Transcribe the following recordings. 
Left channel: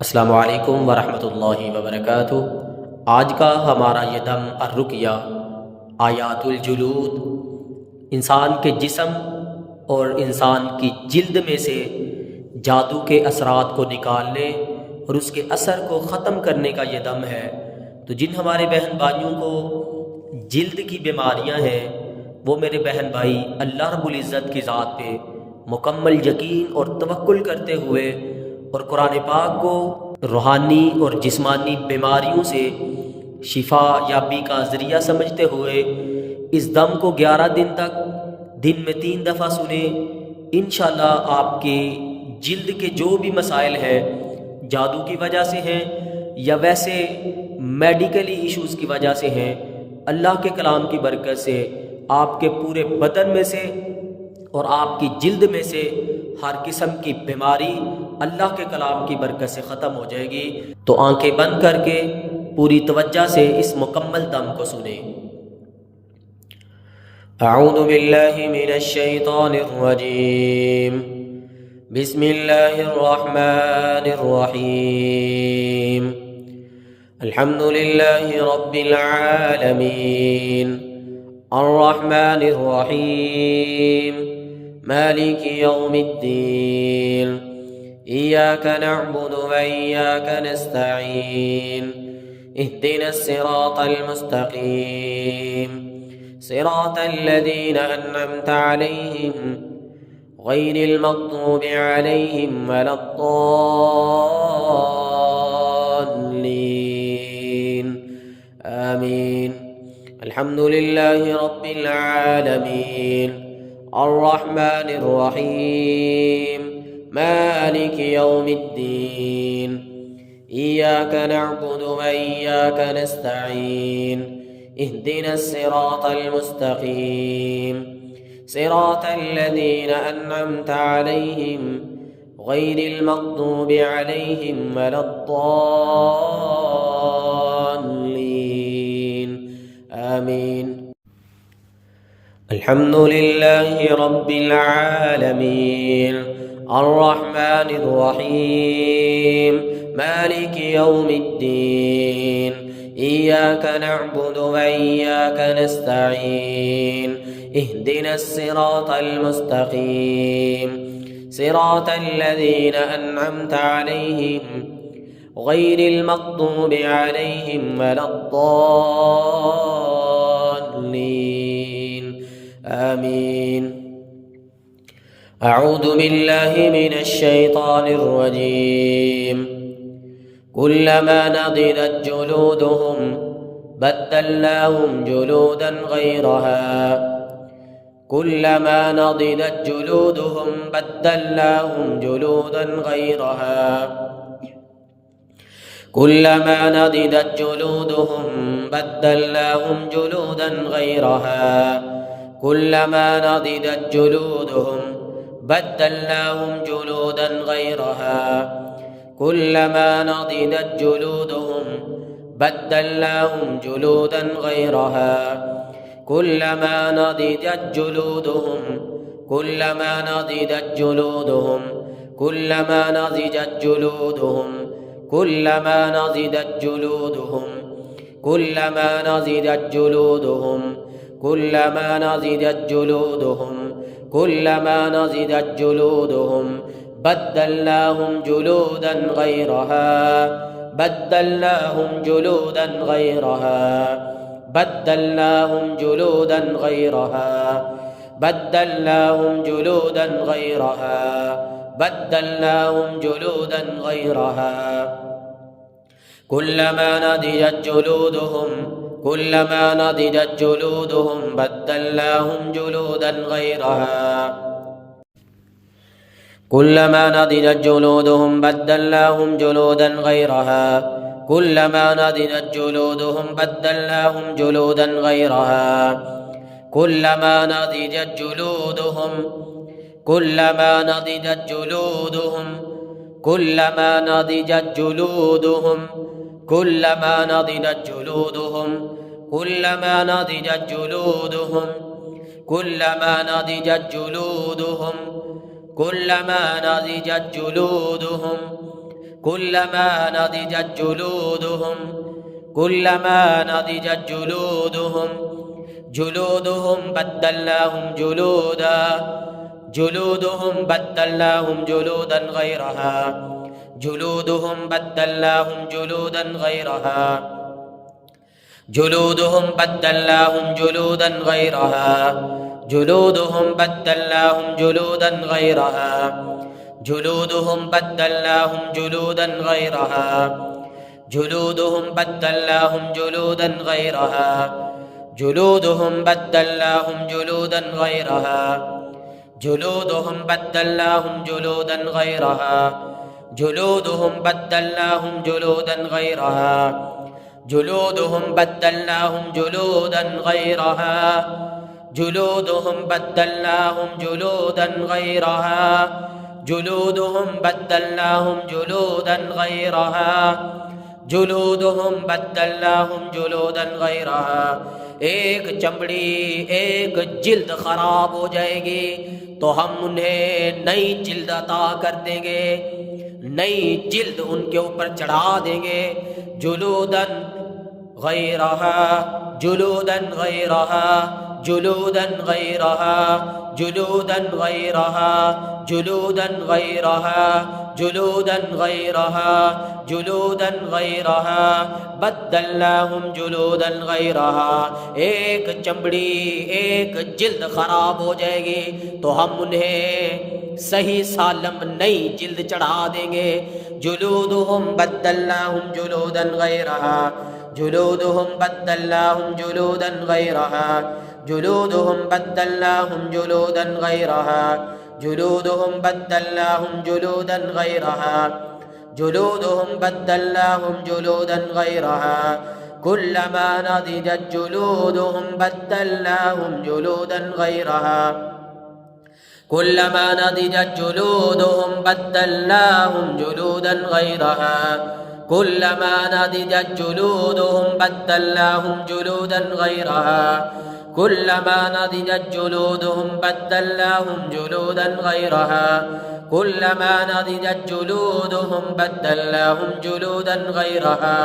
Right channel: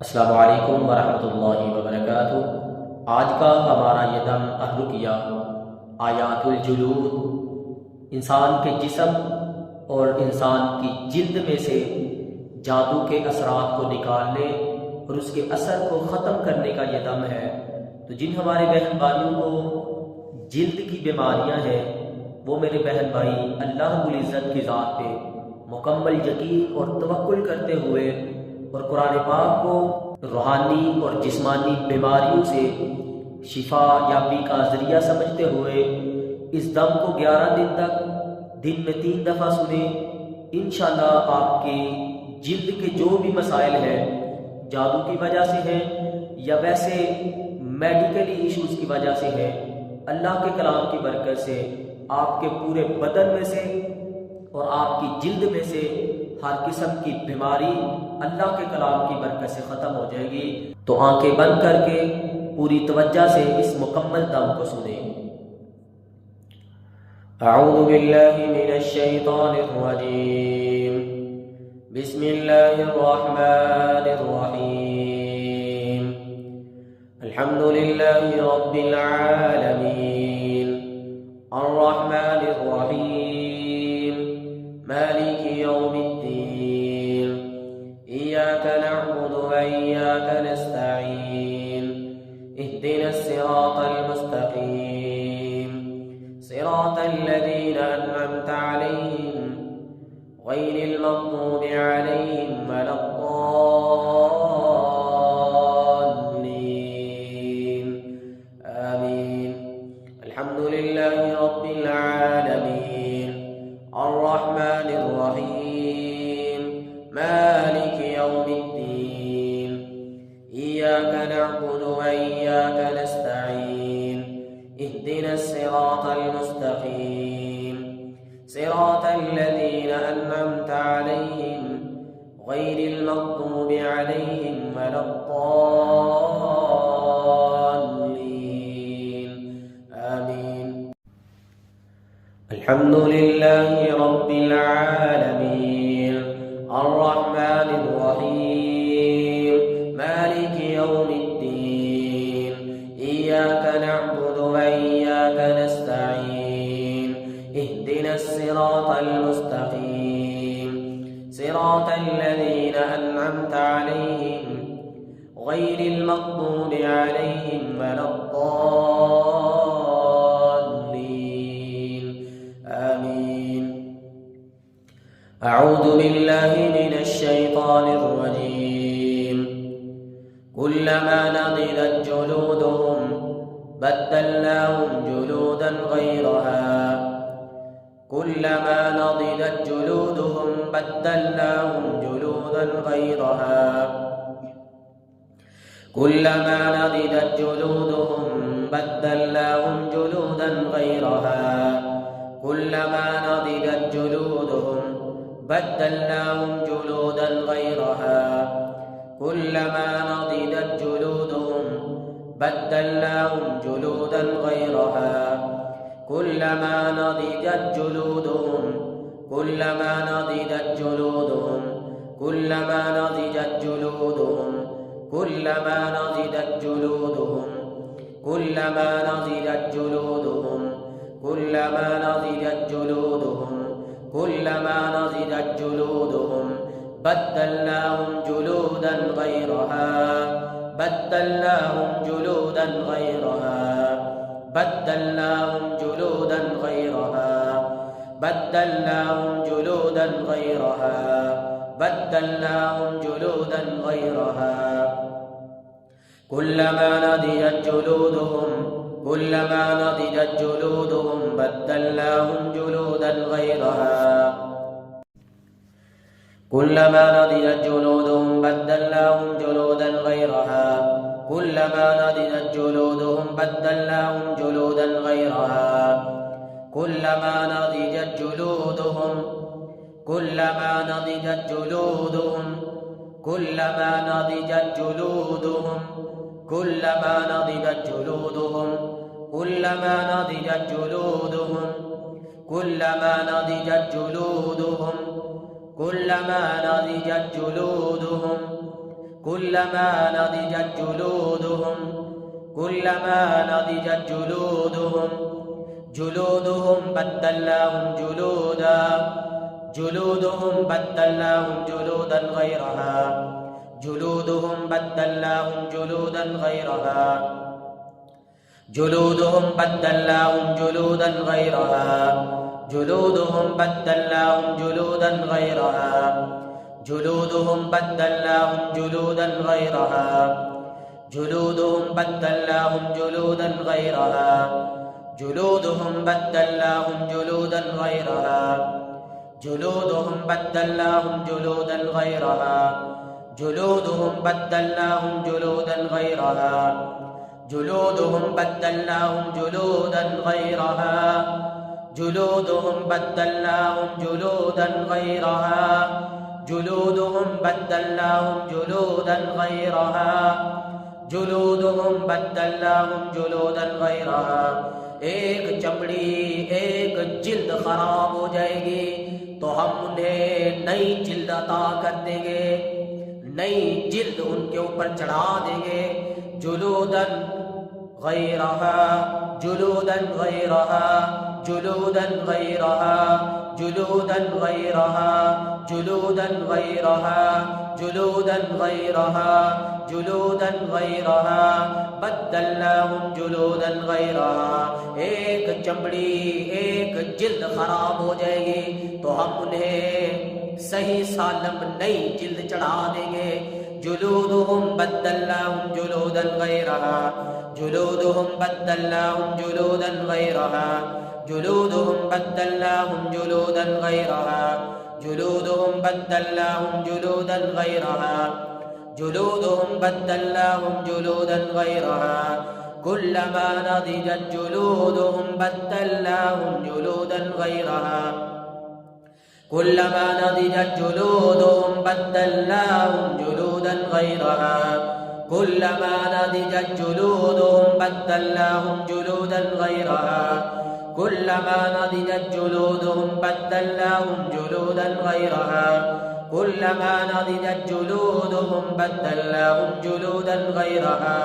अस्सलामु अलैकुम वरहमतुल्लाहि वबरकातुहू। आज का हमारा ये दम अर्रुक़या आयातुल जुलूद, इंसान के जिस्म और इंसान की जिल्द में से जादू के असरात को निकालने और उसके असर को ख़त्म करने का ये दम है। तो जिन हमारे बहन भाइयों को जिल्द की बीमारियां हैं, वो मेरे बहन भाई अल्लाह रब्बुल इज़्ज़त की ज़ात पे मुकम्मल यकीन और तवक्कुल करते हुए और कुरान पाक को रूहानी और जिस्मानी बीमारियों से शिफा याबी का ज़रिया समझते हुए इस दम को 11 दिन तक दिन में 3 दफ़ा सुने। इंशाअल्लाह आपके जिल्द के जो भी मसाइल हैं, जादू की वजह से हैं या वैसे मेडिकली इश्यूज़ की वजह से हैं, अल्लाह के कलाम की बरकत से आपके पूरे बदन में से और आपकी जिल्द में से हर किस्म की बीमारी अल्लाह के कलाम की बरकत से ख़त्म हो जाएगी। तो आंखें बंद करके पूरी तवज्जो से इस मुकम्मल दम को सुने। अऊज़ु बिल्लाहि मिनश शैतानिर रजीम। बिस्मिल्लाहिर रहमानिर रहीम। अल्हम्दुलिल्लाहि रब्बिल आलमीन अर्रहमानिर रहीम मालिकि यौमिद्दीन इय्याका नअबुदु व इय्याका नस्तईन इहदिनस सिरातल मुस्तकीम सिरातल लज़ीना अन्अमता अलैहिम गैरिल मग़्दूबि अलैहिम वलद्दाल्लीन आमीन। अल्हम्दुलिल्लाहि रब्बिल आलमीन अर्रहमानिर रहीम मालिकि यौमिद्दीन इय्याका नअबुदु व इय्याका नस्तईन इहदिनस सिरातल मुस्तकीम सिरातल लज़ीना अन्अमता अलैहिम गैरिल मग़्दूबि अलैहिम वलद्दाल्लीन आमीन। अल्हम्दुलिल्लाहि रब्बिल आलमीन अर्रहमानिर रहीम मालिकि यौमिद्दीन इय्याका नअबुदु व इय्याका नस्तईन इहदिनस सिरातल मुस्तकीम सिरातल लज़ीना अन्अमता अलैहिम गैरिल मग़्दूबि अलैहिम वलद्दाल्लीन आमीन। अऊज़ु बिल्लाहि मिनश शैतानिर रजीम। कुल्लमा नज़िजत जुलूदुहुम बद्दलनाहुम जुलूदन गैरहा कुल्लमा नज़िजत जुलूदुहुम बद्दलनाहुम जुलूदन गैरहा कुल्लमा नज़िजत जुलूदुहुम बद्दलनाहुम जुलूदन गैरहा कुल्लमा नज़िजत जुलूदुहुम बद्दलनाहुम जुलूदन गैरहा कुल्लमा नज़िजत जुलूदुहुम बद्दलनाहुम जुलूदन गैरहा कुल्लमा नज़िजत जुलूदुहुम कुल्लमा नज़िजत जुलूदुहुम कुल्लमा नज़िजत जुलूदुहुम कुल्लमा नज़िजत जुलूदुहुम कुल्लमा नज़िजत जुलूदुहुम कुल्लमा नज़िजत जुलूदुहुम कुल्लमा नज़िजत जुलूदुहुम बद्दलनाहुम जुलूदन गैरहा बद्दलनाहुम जुलूदन गैरहा बद्दलनाहुम जुलूदन गैरहा बद्दलनाहुम जुलूदन गैरहा बद्दलनाहुम जुलूदन गैरहा कुल्लमा नज़िजत जुलूदुहुम कुल्लमा नज़िजत जुलूदुहुम बद्दलनाहुम जुलूदन गैरहा कुल्लमा नज़िजत जुलूदुहुम बद्दलनाहुम जुलूदन गैरहा कुल्लमा नज़िजत जुलूदुहुम बद्दलनाहुम जुलूदन गैरहा कुल्लमा नज़िजत जुलूदुहुम कुल्लमा नज़िजत जुलूदुहुम कुल्लमा नज़िजत जुलूदुहुम कुल्लमा नज़िजत जुलूदुहुम कुल्लमा नज़िजत जुलूदुहुम कुल्लमा नज़िजत जुलूदुहुम कुल्लमा नज़िजत जुलूदुहुम كلما نضجت جلودهم كلما نضجت جلودهم بدلناهم جلودا غيرها جلودهم بدلناهم جلودا غيرها جلودهم بدلناهم جلودا غيرها جلودهم بدلناهم جلودا غيرها جلودهم بدلناهم جلودا غيرها جلودهم بدلناهم جلودا غيرها جلودهم بدلناهم جلودا غيرها جلودهم بدلناهم جلودا غيرها جلودهم بدلناهم جلودا غيرها جلودهم بدلناهم جلودا غيرها جلودهم بدلناهم جلودا غيرها جلودهم بدلناهم جلودا غيرها جلودهم بدلناهم جلودا غيرها एक चमड़ी एक जिल्द खराब हो जाएगी तो हम उन्हें नई जिल्द अता कर देंगे, नई जिल्द उनके ऊपर चढ़ा देंगे। जुलूदन गैरहा जुलूदन गैरहा जुलूदन गैरहा जुलूदन गैरहा जुलूदन गैरहा जुलूदन गैरहा जुलूदन गैरहा बद्दलनाहुम जुलूदन गैरहा। एक चमड़ी एक जिल्द खराब हो जाएगी तो हम उन्हें सही सालम नई जिल्द चढ़ा देंगे। जुलूदुहुम बद्दलनाहुम जुलूदन गैरहा जुलूदुहुम बद्दलनाहुम जुलूदन गैरहा जुलूदुहुम बद्दलनाहुम जुलूदन गैरहा जुलूदुहुम बद्दलनाहुम जुलूदन गैरहा जुलूदुहुम बद्दलनाहुम जुलूदन गैरहा कुल्लमा नदिजत जुलूदुहुम बद्दलनाहुम जुलूदन गैरहा कुल्लमा नदिजत जुलूदुहुम बद्दलनाहुम जुलूदन गैरहा कुल्लमा नदिजत जुलूदुहुम बद्दलनाहुम जुलूदन गैरहा कुल्लमा नदिजत जुलूदुहुम बद्दलनाहुम जुलूदन गैरहा कुल्लमा नदिजत जुलूदुहुम बद्दलनाहुम जुलूदन गैरहा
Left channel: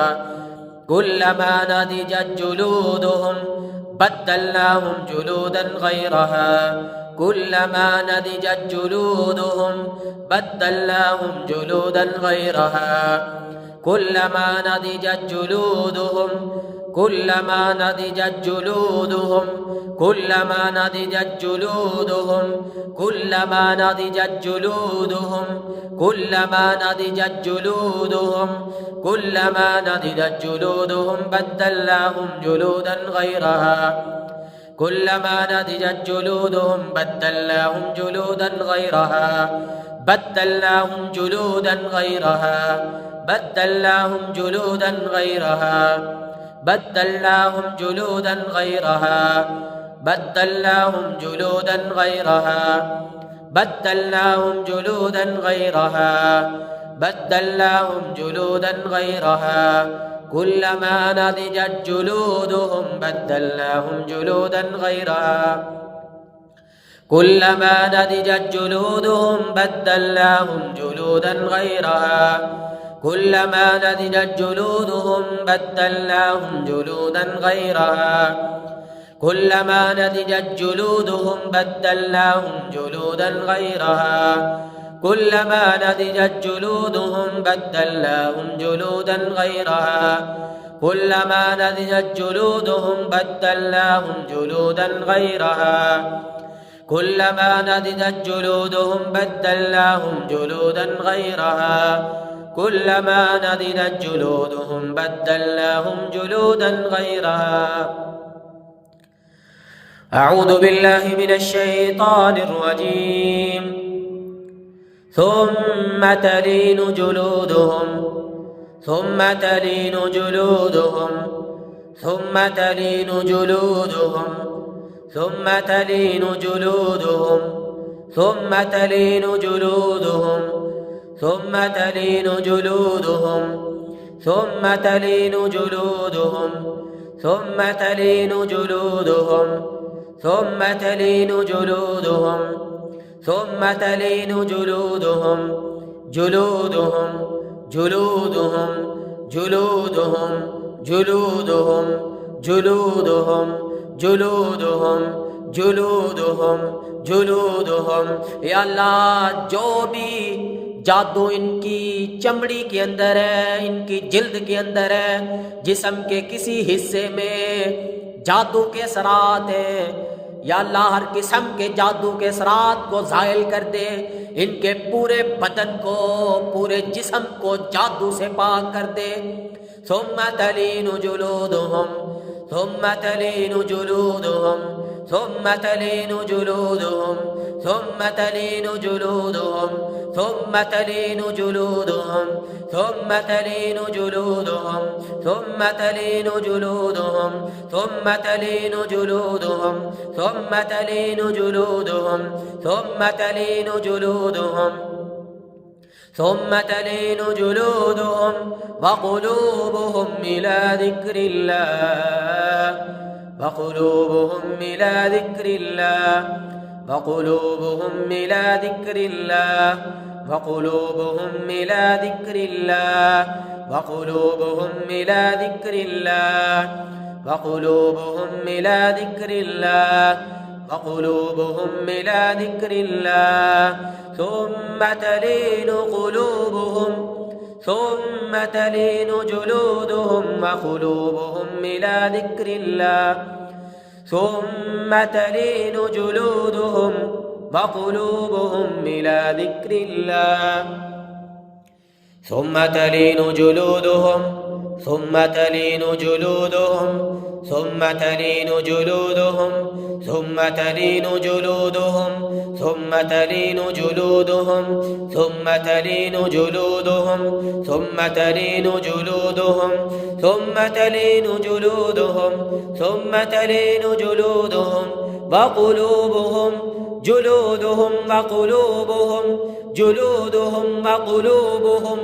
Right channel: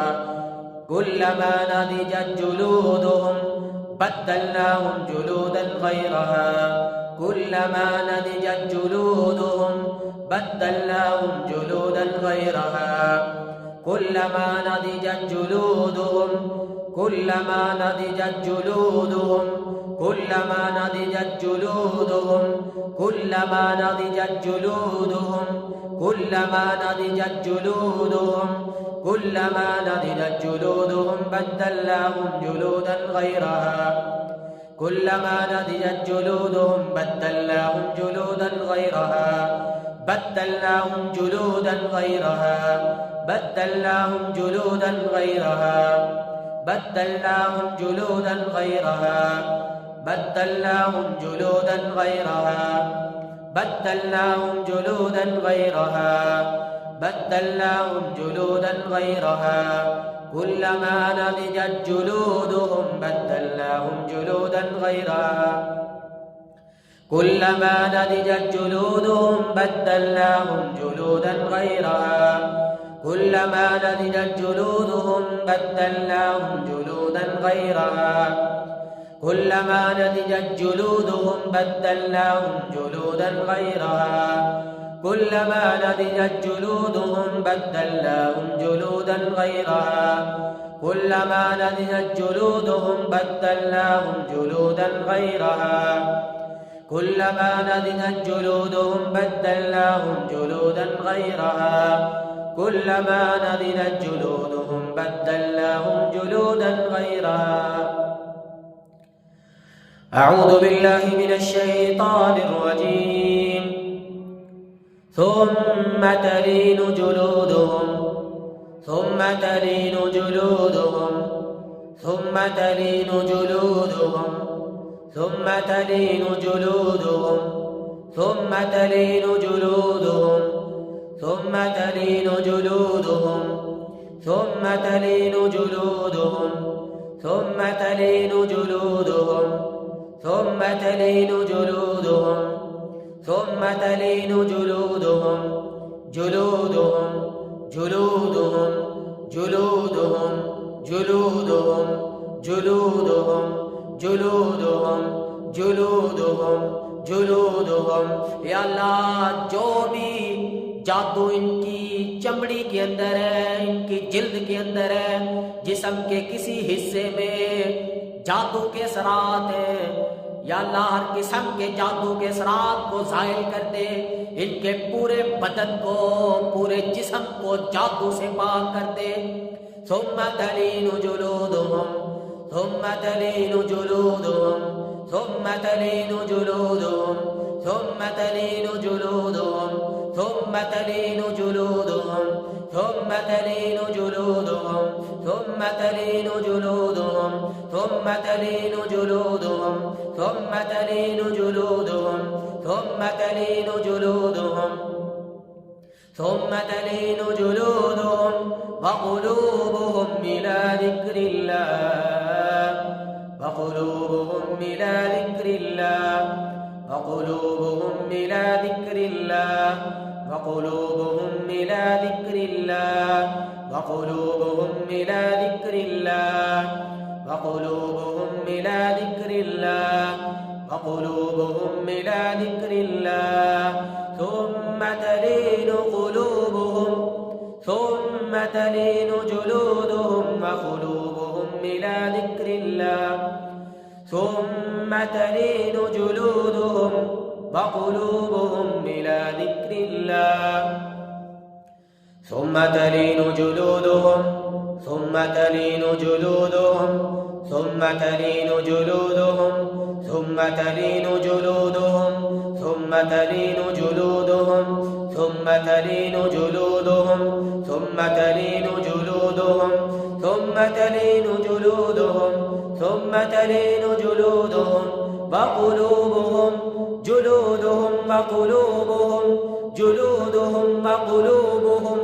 कुल्लमा नदिजत जुलूदुहुम बद्दलनाहुम जुलूदन गैरहा कुल्लमा नदिजत जुलूदुहुम बद्दलनाहुम जुलूदन गैरहा कुल्लमा नदिजत जुलूदुहुम कुल्लमा नदिजत जुलूदुहुम कुल्लमा नदिजत जुलूदुहुम कुल्लमा नदिजत जुलूदुहुम कुल्लमा नदिजत जुलूदुहुम कुल्लमा नदिजत जुलूदुहुम बद्दलनाहुम जुलूदन गैरहा कुल्लमा नदिजत जुलूदुहुम बद्दलनाहुम जुलूदन गैरहा बद्दलनाहुम जुलूदन गैरहा बद्दलनाहुम जुलूदन गैरहा बद्दलनाहुम जुलूदन गैरहा बद्दलनाहुम जुलूदन गैरहा बद्दलनाहुम जुलूदन गैरहा बद्दलनाहुम जुलूदन गैरहा कुल्लमा नदिजत जुलूदुहुम बद्दलनाहुम जुलूदन गैरहा कुल्लमा नदिजत जुलूदुहुम बद्दलनाहुम जुलूदन गैरहा कुल्लमा नदिजत जुलूदुहुम बद्दलनाहुम जुलूदन गैरहा कुल्लमा नदिजत जुलूदुहुम बद्दलनाहुम जुलूदन गैरहा कुल्लमा नदिजत जुलूदुहुम बद्दलनाहुम जुलूदन गैरहा कुल्लमा नदिजत जुलूदुहुम बद्दलनाहुम जुलूदन गैरहा कुल्लमा नदिजत जुलूदुहुम बद्दलनाहुम जुलूदन गैरहा कुल्लमा नदिजत जुलूदुहुम बद्दलनाहुम जुलूदन गैरहा। अऊज़ु बिल्लाहि मिनश शैतानिर रजीम। ثم تلين جلودهم ثم تلين جلودهم ثم تلين جلودهم ثم تلين جلودهم ثم تلين جلودهم ثم تلين جلودهم ثم تلين جلودهم ثم تلين جلودهم ثم تلين جلودهم ثم تلين جلودهم जुलूदुहुम जुलूदुहुम जुलूदुहुम जुलूदुहुम जुलूदुहुम जुलूदुहुम जुलूदुहुम। या अल्लाह, जो भी जादू इनकी चमड़ी के अंदर है, इनकी जिल्द के अंदर है, जिस्म के किसी हिस्से में जादू के असरात हैं, या अल्लाह हर किस्म के जादू के असरात को ज़ाइल कर दे। इनके पूरे बदन को, पूरे जिस्म को जादू से पाक कर दे। सुम्मा तलीनु जुलूदुहुम सुम्मा तलीनु जुलूदुहुम सुम्मा तलीनु जुलूदुहुम सुम्मा तलीनु जुलूदुहुम सुम्मा तलीनु जुलूदुहुम सुम्मा तलीनु जुलूदुहुम सुम्मा तलीनु जुलूदुहुम सुम्मा तलीनु जुलूदुहुम सुम्मा तलीनु जुलूदुहुम सुम्मा तलीनु जुलूदुहुम सुम्मा तलीनु जुलूदुहुम वक़ुलूबुहुम इला ज़िक्रिल्लाह वक़ुलूबुहुम इला ज़िक्रिल्लाह वक़ुलूबुहुम इला ज़िक्रिल्लाह वक़ुलूबुहुम इला ज़िक्रिल्लाह वक़ुलूबुहुम इला ज़िक्रिल्लाह वक़ुलूबुहुम इला ज़िक्रिल्लाह वक़ुलूबुहुम इला ज़िक्रिल्लाह सुम्मा तलीनु क़ुलूबुहुम सुम्मा तलीनु जुलूदुहुम वक़ुलूबुहुम इला ज़िक्रिल्लाह सुम्मा तलीनु जुलूदुहुम वक़ुलूबुहुम इला ज़िक्रिल्लाह सुम्मा तलीनु जुलूदुहुम सुम्मा तलीनु जुलूदुहुम सुम्मा तलीनु जुलूदुहुम सुम्मा तलीनु जुलूदुहुम सुम्मा तलीनु जुलूदुहुम सुम्मा तलीनु जुलूदुहुम सुम्मा तलीनु जुलूदुहुम सुम्मा तलीनु जुलूदुहुम सुम्मा तलीनु जुलूदुहुम वक़ुलूबुहुम जुलूदुहुम वक़ुलूबुहुम जुलूदुहुम वक़ुलूबुहुम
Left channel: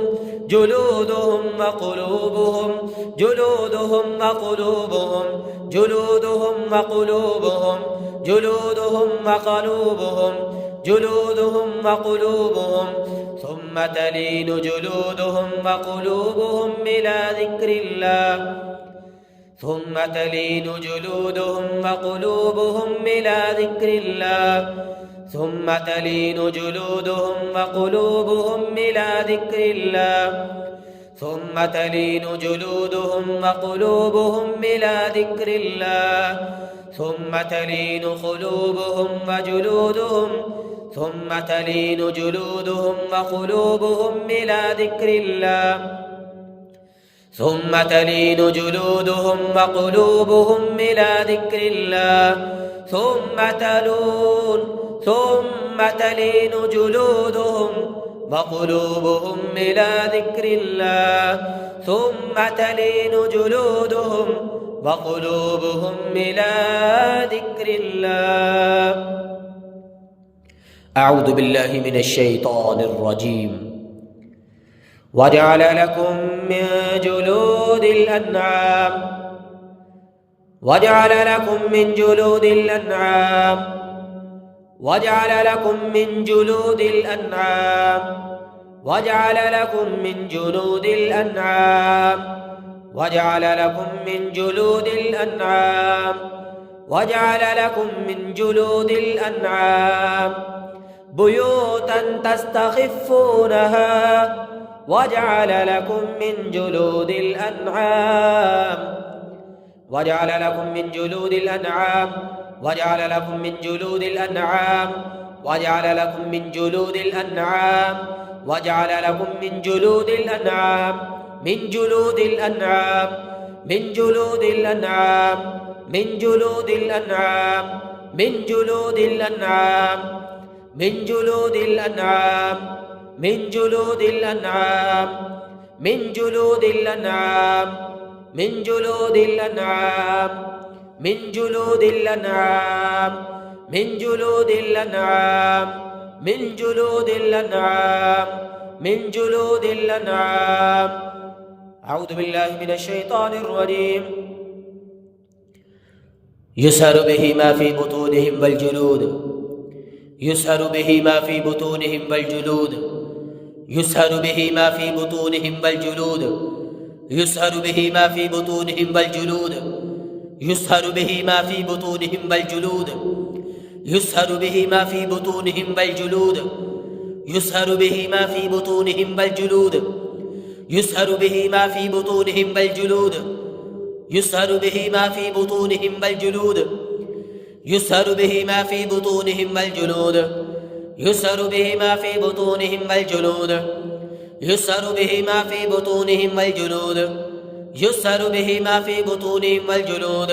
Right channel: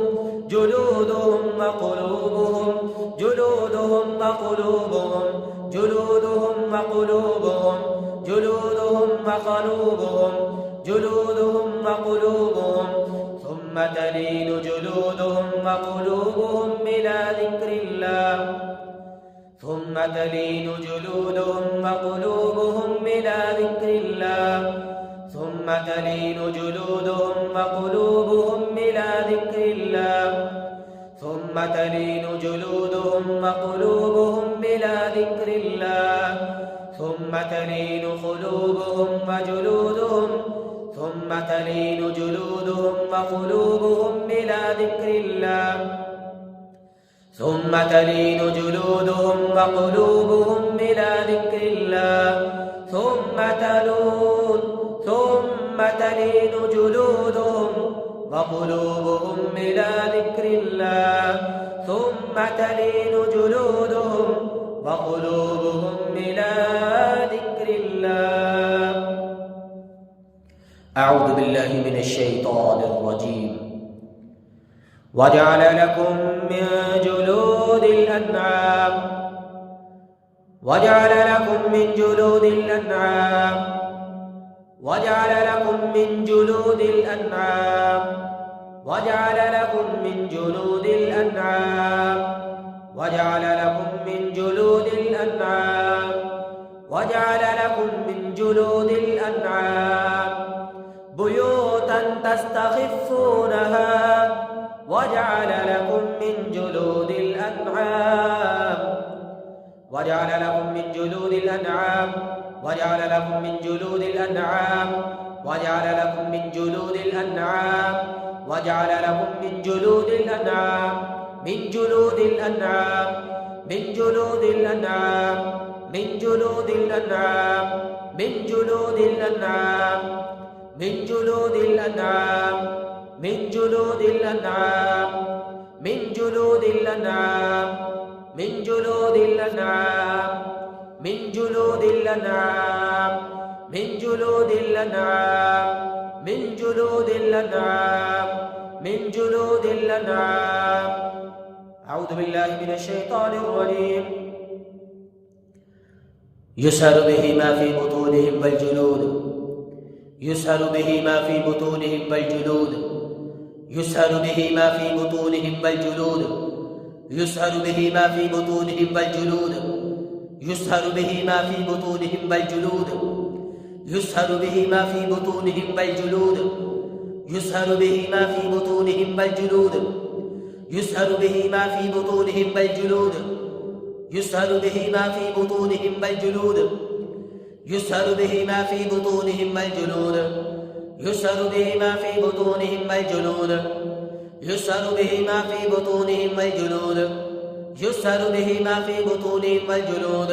जुलूदुहुम वक़ुलूबुहुम जुलूदुहुम वक़ुलूबुहुम जुलूदुहुम वक़ुलूबुहुम जुलूदुहुम वक़ुलूबुहुम जुलूदुहुम वक़ुलूबुहुम सुम्मा तलीनु जुलूदुहुम वक़ुलूबुहुम इला ज़िक्रिल्लाह सुम्मा तलीनु जुलूदुहुम वक़ुलूबुहुम इला ज़िक्रिल्लाह सुम्मा तलीनु जुलूदुहुम वक़ुलूबुहुम इला ज़िक्रिल्लाह सुम्मा तलीनु जुलूदुहुम वक़ुलूबुहुम इला ज़िक्रिल्लाह सुम्मा तलीनु क़ुलूबुहुम वजुलूदुहुम सुम्मा तलीनु जुलूदुहुम वक़ुलूबुहुम इला ज़िक्रिल्लाह सुम्मा तलीनु जुलूदुहुम वक़ुलूबुहुम इला ज़िक्रिल्लाह सुम्मा तलीनु जुलूदुहुम वक़ुलूबुहुम इला ज़िक्रिल्लाह सुम्मा तलीनु जुलूदुहुम वक़ुलूबुहुम इला ज़िक्रिल्लाह। अऊज़ु बिल्लाहि मिनश शैतानिर रजीम। वजअल लकुम मिन जुलूदिल अन्आम वजअल लकुम मिन जुलूदिल अन्आम वजअल लकुम मिन जुलूदिल अन्आम वजअल लकुम मिन जुलूदिल अन्आम वजअल लकुम मिन जुलूदिल अन्आम वजअल लकुम मिन जुलूदिल अन्आम बुयूतन तस्तख़िफ़ूनहा वजअल लकुम मिन जुलूदिल अन्आम वजअल लकुम मिन जुलूदिल अन्आम वजअल लकुम मिन जुलूदिल अन्आम वजअल लकुम मिन जुलूदिल अन्आम वजअल लकुम मिन जुलूदिल अन्आम मिन जुलूदिल अन्आम मिन जुलूदिल अन्आम मिन जुलूदिल अन्आम मिन जुलूदिल अन्आम मिन जुलूदिल अन्आम मिन जुलूदिल अन्आम मिन जुलूदिल अन्आम मिन जुलूदिल अन्आम मिन जुलूदिल अन्आम मिन जुलूदिल अन्आम मिन जुलूदिल अन्आम मिन जुलूदिल अन्आम। अऊज़ु बिल्लाहि मिनश शैतानिर रजीम। युसहरु बिही मा फी बुतूनिहिम वल जुलूद युसहरु बिही मा फी बुतूनिहिम वल जुलूद يسهر به ما في بطونهم والجلود يسهر به ما في بطونهم والجلود يسهر به ما في بطونهم والجلود يسهر به ما في بطونهم والجلود يسهر به ما في بطونهم والجلود يسهر به ما في بطونهم والجلود يسهر به ما في بطونهم والجلود يسهر به ما في بطونهم والجلود يسهر به ما في بطونهم والجلود يسهر به ما في بطونهم والجلود يسهر به ما في بطونهم والجلود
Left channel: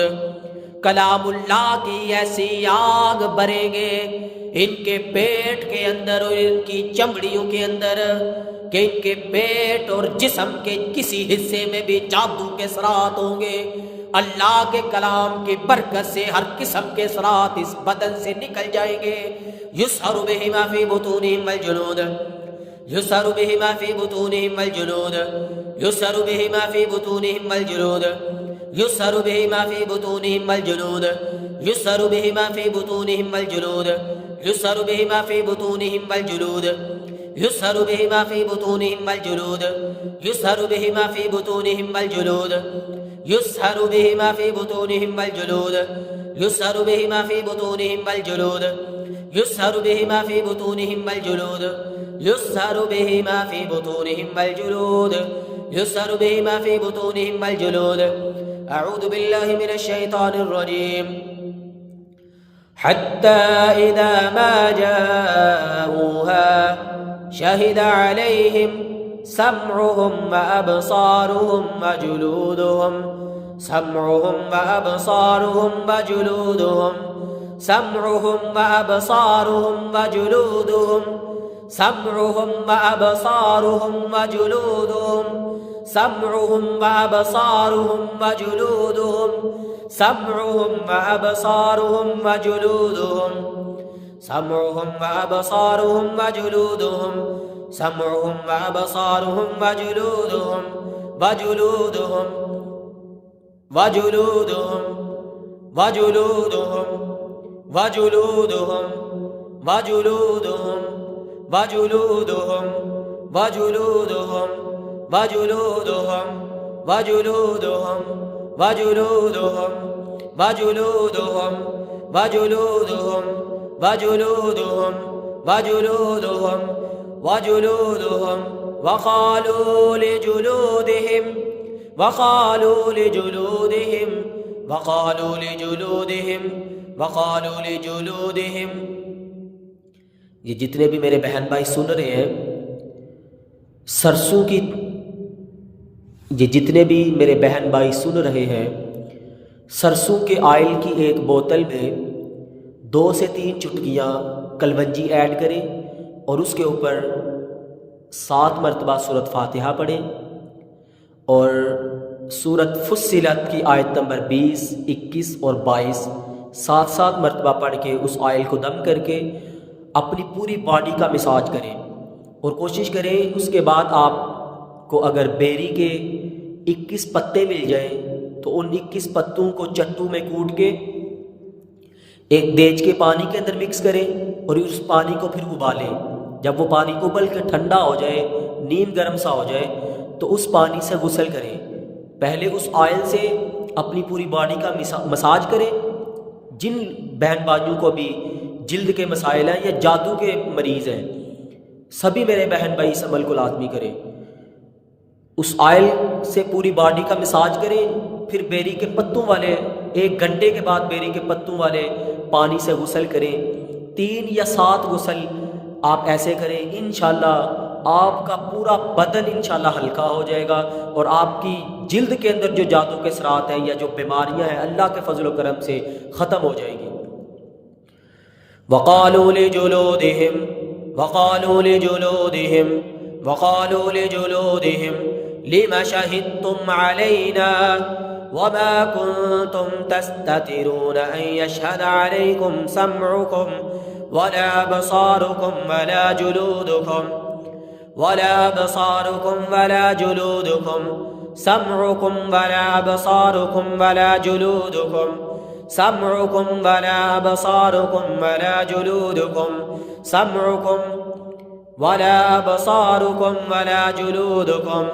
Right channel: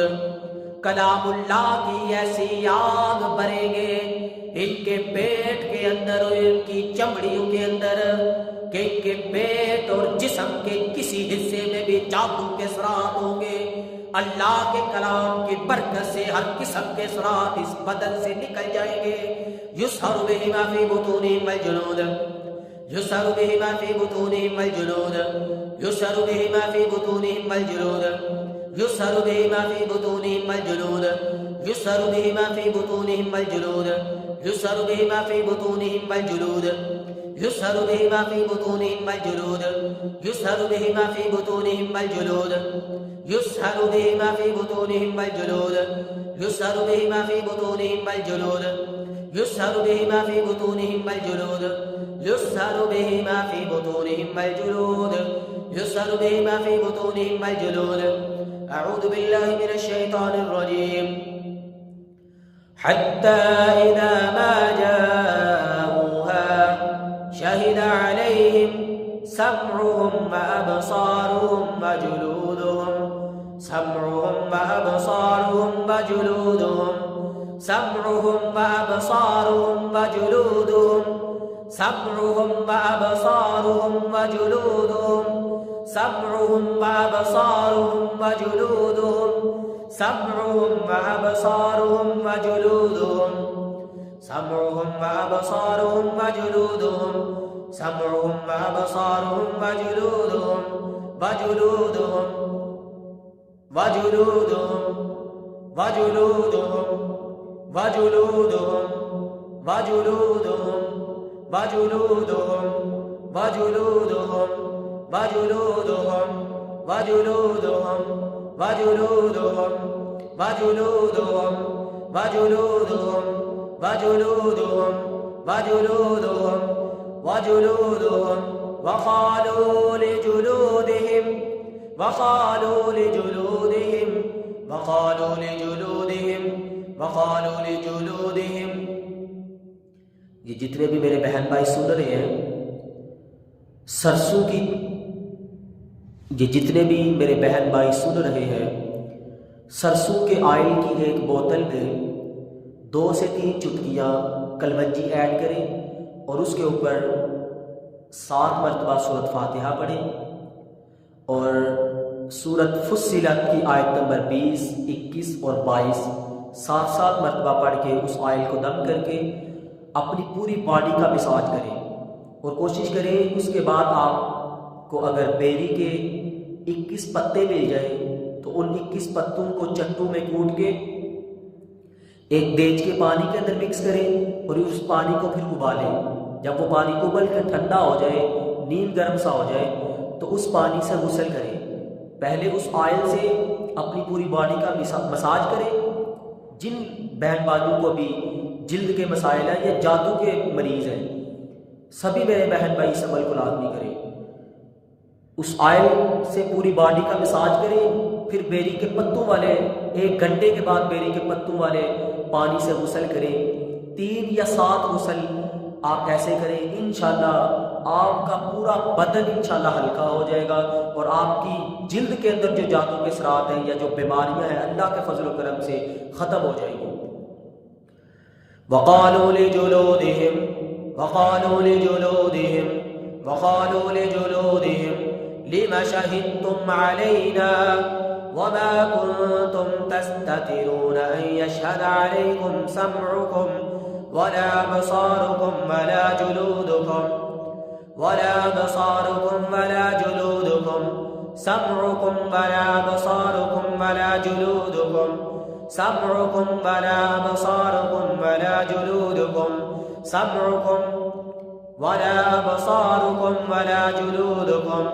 کلام اللہ کی ایسی آگ بھریں گے ان کے پیٹ کے اندر اور ان کی چمڑیوں کے اندر کہ ان کے پیٹ اور جسم کے کسی حصے میں بھی جادو کے اثرات ہوں گے. اللہ کے کلام کی برکت سے ہر قسم کے اثرات اس بدن سے نکل جائیں گے. یسحر بہ ما فی بطونہم والجلود یسحر بہ ما فی بطونہم والجلود یسحر بہ ما فی بطونہم والجلود یسحر بہ ما فی بطونہم والجلود یسحر بہ ما فی بطونہم والجلود یسحر بہ ما فی بطونہم والجلود یسحر بہ ما فی بطونہم والجلود یسحر بہ ما فی بطونہم والجلود یسحر بہ ما فی بطونہم والجلود یسحر بہ ما فی بطونہم والجلود یسحر بہ ما فی بطونہم والجلود یسحر بہ ما فی بطونہم والجلود یسحر بہ ما فی بطونہم والجلود. اعوذ باللہ من الشیطان الرجیم. حتی اذا ما جاؤوها شہد علیہم سمعهم وابصارهم وجلودهم سمعهم وابصارهم وجلودهم سمعهم وابصارهم وجلودهم سمعهم وابصارهم وجلودهم سمعهم وابصارهم وجلودهم سمعهم وابصارهم وجلودهم سمعهم وابصارهم وجلودهم سمعهم وابصارهم وجلودهم وجلودهم وجلودهم وجلودهم وجلودهم وجلودهم وجلودهم وجلودهم وجلودهم وجلودهم وجلودهم وجلودهم وجلودهم وجلودهم وجلودهم وجلودهم وقالوا لجلودهم وقالوا لجلودهم وقالوا لجلودهم وقالوا لجلودهم. یہ جتنے بھی میرے بہن بھائی سن رہے ہیں سرسوں کی، یہ جتنے بھی میرے بہن بھائی سن رہے ہیں سرسوں کے آئل کی ایک بوتل میں 2 سے 3 چٹکیاں کلونجی ایڈ کریں اور اس کے اوپر 7 مرتبہ سورۃ فاتحہ پڑھیں اور سورۃ فصلت کی آیت نمبر 20، 21 اور 22 7 مرتبہ پڑھ کے اس آئل کو دم کر کے اپنی پوری باڈی کا مساج کریں اور کوشش کریں اس کے بعد آپ کو اگر بیری کے 21 پتے مل جائیں تو ان 21 پتوں کو چٹو میں کوٹ کے ایک دیج کے پانی کے اندر مکس کریں اور اس پانی کو پھر ابالیں. جب وہ پانی ابل کر ٹھنڈا ہو جائے، نیم گرم سا ہو جائے تو اس پانی سے غسل کریں. پہلے اس آئل سے اپنی پوری باڈی کا مساج کریں. جن بہن بھائیوں کو بھی جلد کے مسائل ہیں یا جادو کے مریض ہیں سبھی میرے بہن بھائی اس عمل کو لازمی کریں. اس آئل سے پوری باڈی کا مساج کریں، پھر بیری کے پتوں والے 1 گھنٹے کے بعد بیری کے پتوں والے پانی سے غسل کریں. 3 یا 7 غسل آپ ایسے کریں، انشاءاللہ آپ کا پورا بدن انشاءاللہ ہلکا ہو جائے گا اور آپ کی جلد کے اندر جو جادو کے اثرات ہیں یا جو بیماریاں ہیں اللہ کے فضل و کرم سے ختم ہو جائیں گی. وقالوا لجلودهم وقالوا لجلودهم وقالوا لجلودهم لم شهدتم علينا وما كنتم تستترون أن يشهد عليكم سمعكم ولا أبصاركم ولا جلودكم ولا أبصاركم ولا جلودكم سمعكم ولا أبصاركم ولا جلودكم سمعكم ولا أبصاركم ولا جلودكم سمعكم ولا أبصاركم ولا جلودكم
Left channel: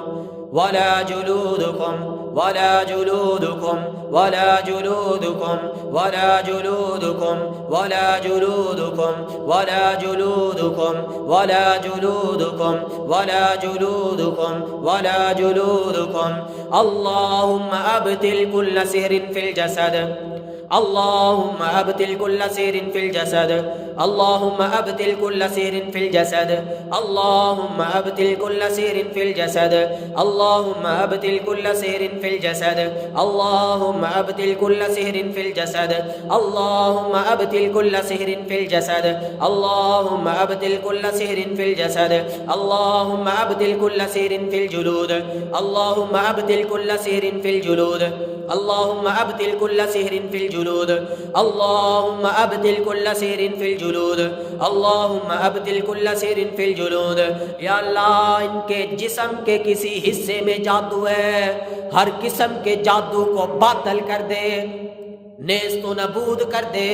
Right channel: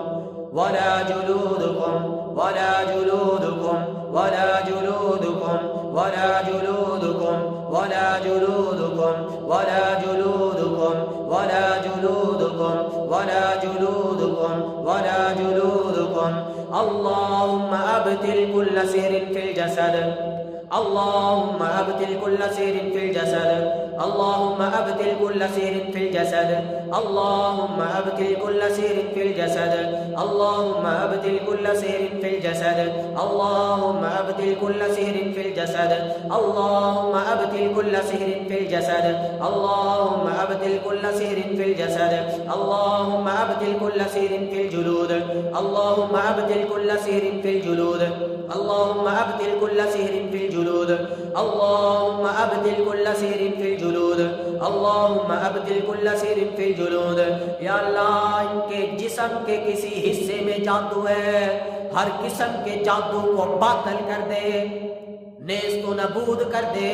ولا جلودكم ولا جلودكم ولا جلودكم ولا جلودكم ولا جلودكم ولا جلودكم ولا جلودكم ولا جلودكم ولا جلودكم. اللهم أبطل كل سحر في الجسد. اللهم أبطل كل سحر في الجسد. اللهم أبطل كل سحر في الجسد. اللهم أبطل كل سحر في الجسد. اللهم أبطل كل سحر في الجسد. اللهم أبطل كل سحر في الجسد. اللهم أبطل كل سحر في الجسد. اللهم أبطل كل سحر في الجسد. اللهم أبطل كل سحر في الجلود. اللهم أبطل كل سحر في الجلود. اللهم أبطل كل سحر في الجلود. اللهم أبطل كل سحر في الجلود. اللهم أبطل كل سحر في الجلود. या अल्लाह, इनके जिस्म के किसी हिस्से में जादू है, हर किस्म के जादू को बातल कर दे, नेस्तो नबूद कर दे.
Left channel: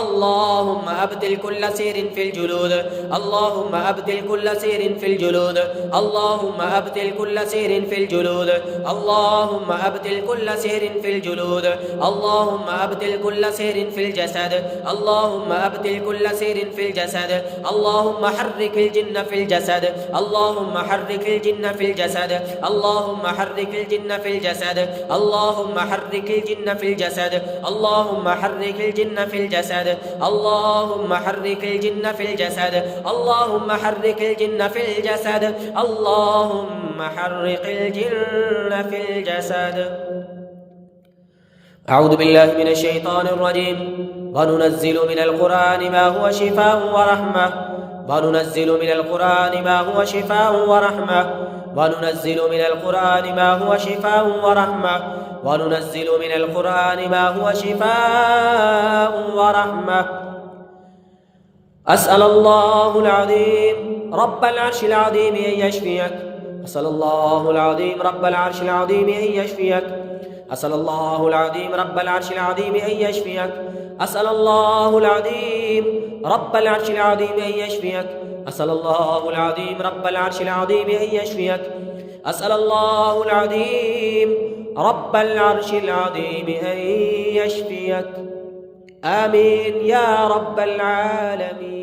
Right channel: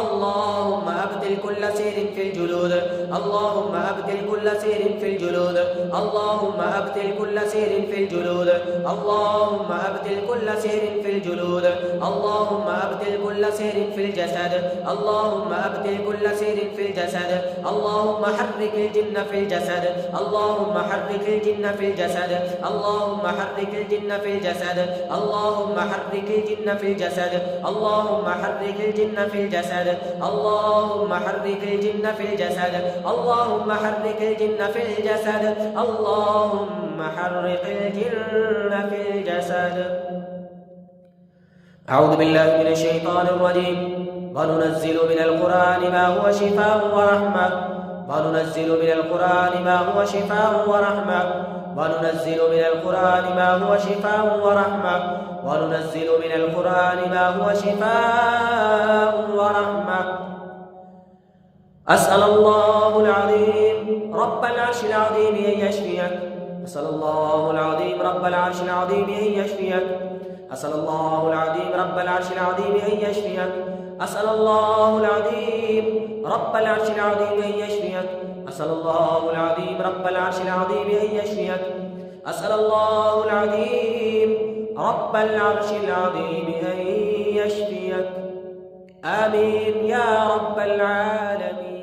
अल्लाहुम्मा अब्दिल कुल्ल सिहरिन फिल जुलूद. अल्लाहुम्मा अब्दिल कुल्ल सिहरिन फिल जुलूद. अल्लाहुम्मा अब्दिल कुल्ल सिहरिन फिल जुलूद. अल्लाहुम्मा अब्दिल कुल्ल सिहरिन फिल जुलूद. अल्लाहुम्मा अब्दिल कुल्ल सिहरिन फिल जसद. अल्लाहुम्मा अब्दिल कुल्ल सिहरिन फिल जसद. अल्लाहुम्मा हर्रिकिल जिन्न फिल जसद. अल्लाहुम्मा हर्रिकिल जिन्न फिल जसद. अल्लाहुम्मा हर्रिकिल जिन्न फिल जसद. अल्लाहुम्मा हर्रिकिल जिन्न फिल जसद. اللهم حرك الجن في الجسد. اللهم حرك الجن في الجسد. اللهم حرك الجن في الجسد. اللهم حرك الجن في الجسد. أعوذ بالله من الشيطان الرجيم. وننزل من القرآن ما هو شفاء ورحمة. وننزل من القرآن ما هو شفاء ورحمة. وننزل من القرآن ما هو شفاء ورحمة. وننزل من القرآن ما هو شفاء ورحمة. أسأل الله العظيم رب العرش العظيم أن يشفيك. أسأل الله العظيم رب العرش العظيم أن يشفيك. أسأل الله العظيم رب العرش العظيم أن يشفيك. أسأل الله العظيم رب العرش العظيم أن يشفيك. أسأل الله العظيم رب العرش العظيم أن يشفيك. أسأل الله العظيم رب العرش العظيم أن يشفيك. آمين يا رب العالمين.